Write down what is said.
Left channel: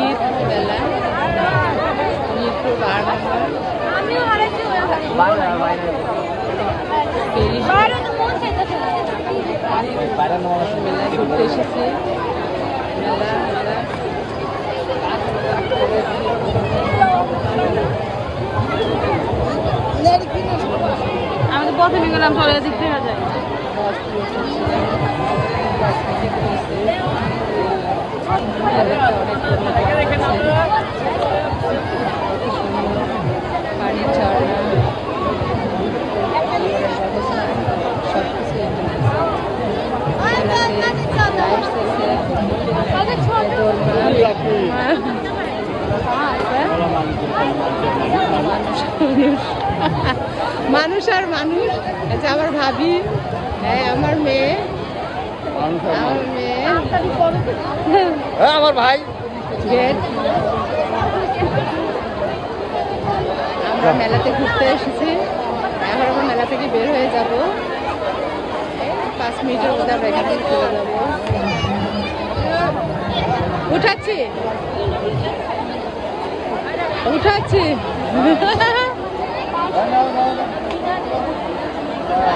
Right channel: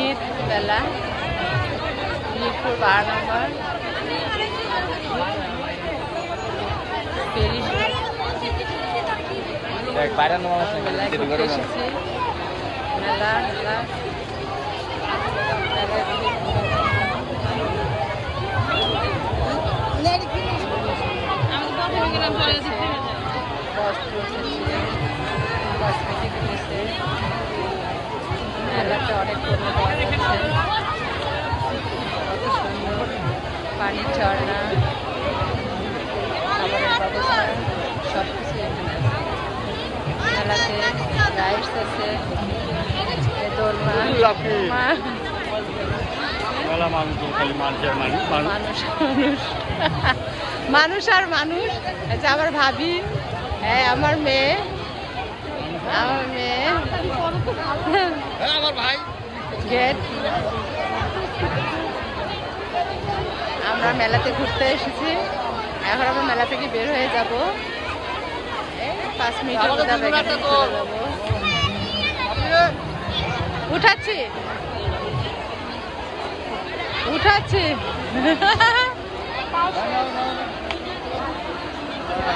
ঈদ মেলা, মিরপুর 12 নম্বর পেরিস মেলায় ঘুরতে এসেছি। মেলা মেলা আমি প্রথমে গেলাম পরে দিতে বস্ত্র উঠেছে, কসমেটিক রয়েছে, মেলাতে অনেক কত সুন্দর পানির ঝর্ণা, খাবারের ব্যবস্থা সব কিছু এখানে আছে। মেলাতে লাইটস আছে, দোলনা, মানুষ আর মানুষ। আচ্ছা আমার ভাবি, হ্যাঁ আমার মেয়ে, আমার ভাই গেট। আমরা মেলাতে ঘুরতে এসেছি, এখন আমরা মেলা থেকে বের হয়ে যাব। 5 মিনিটের মধ্যে আমরা এখান থেকে চলে যাবো। উঠাচ্ছি।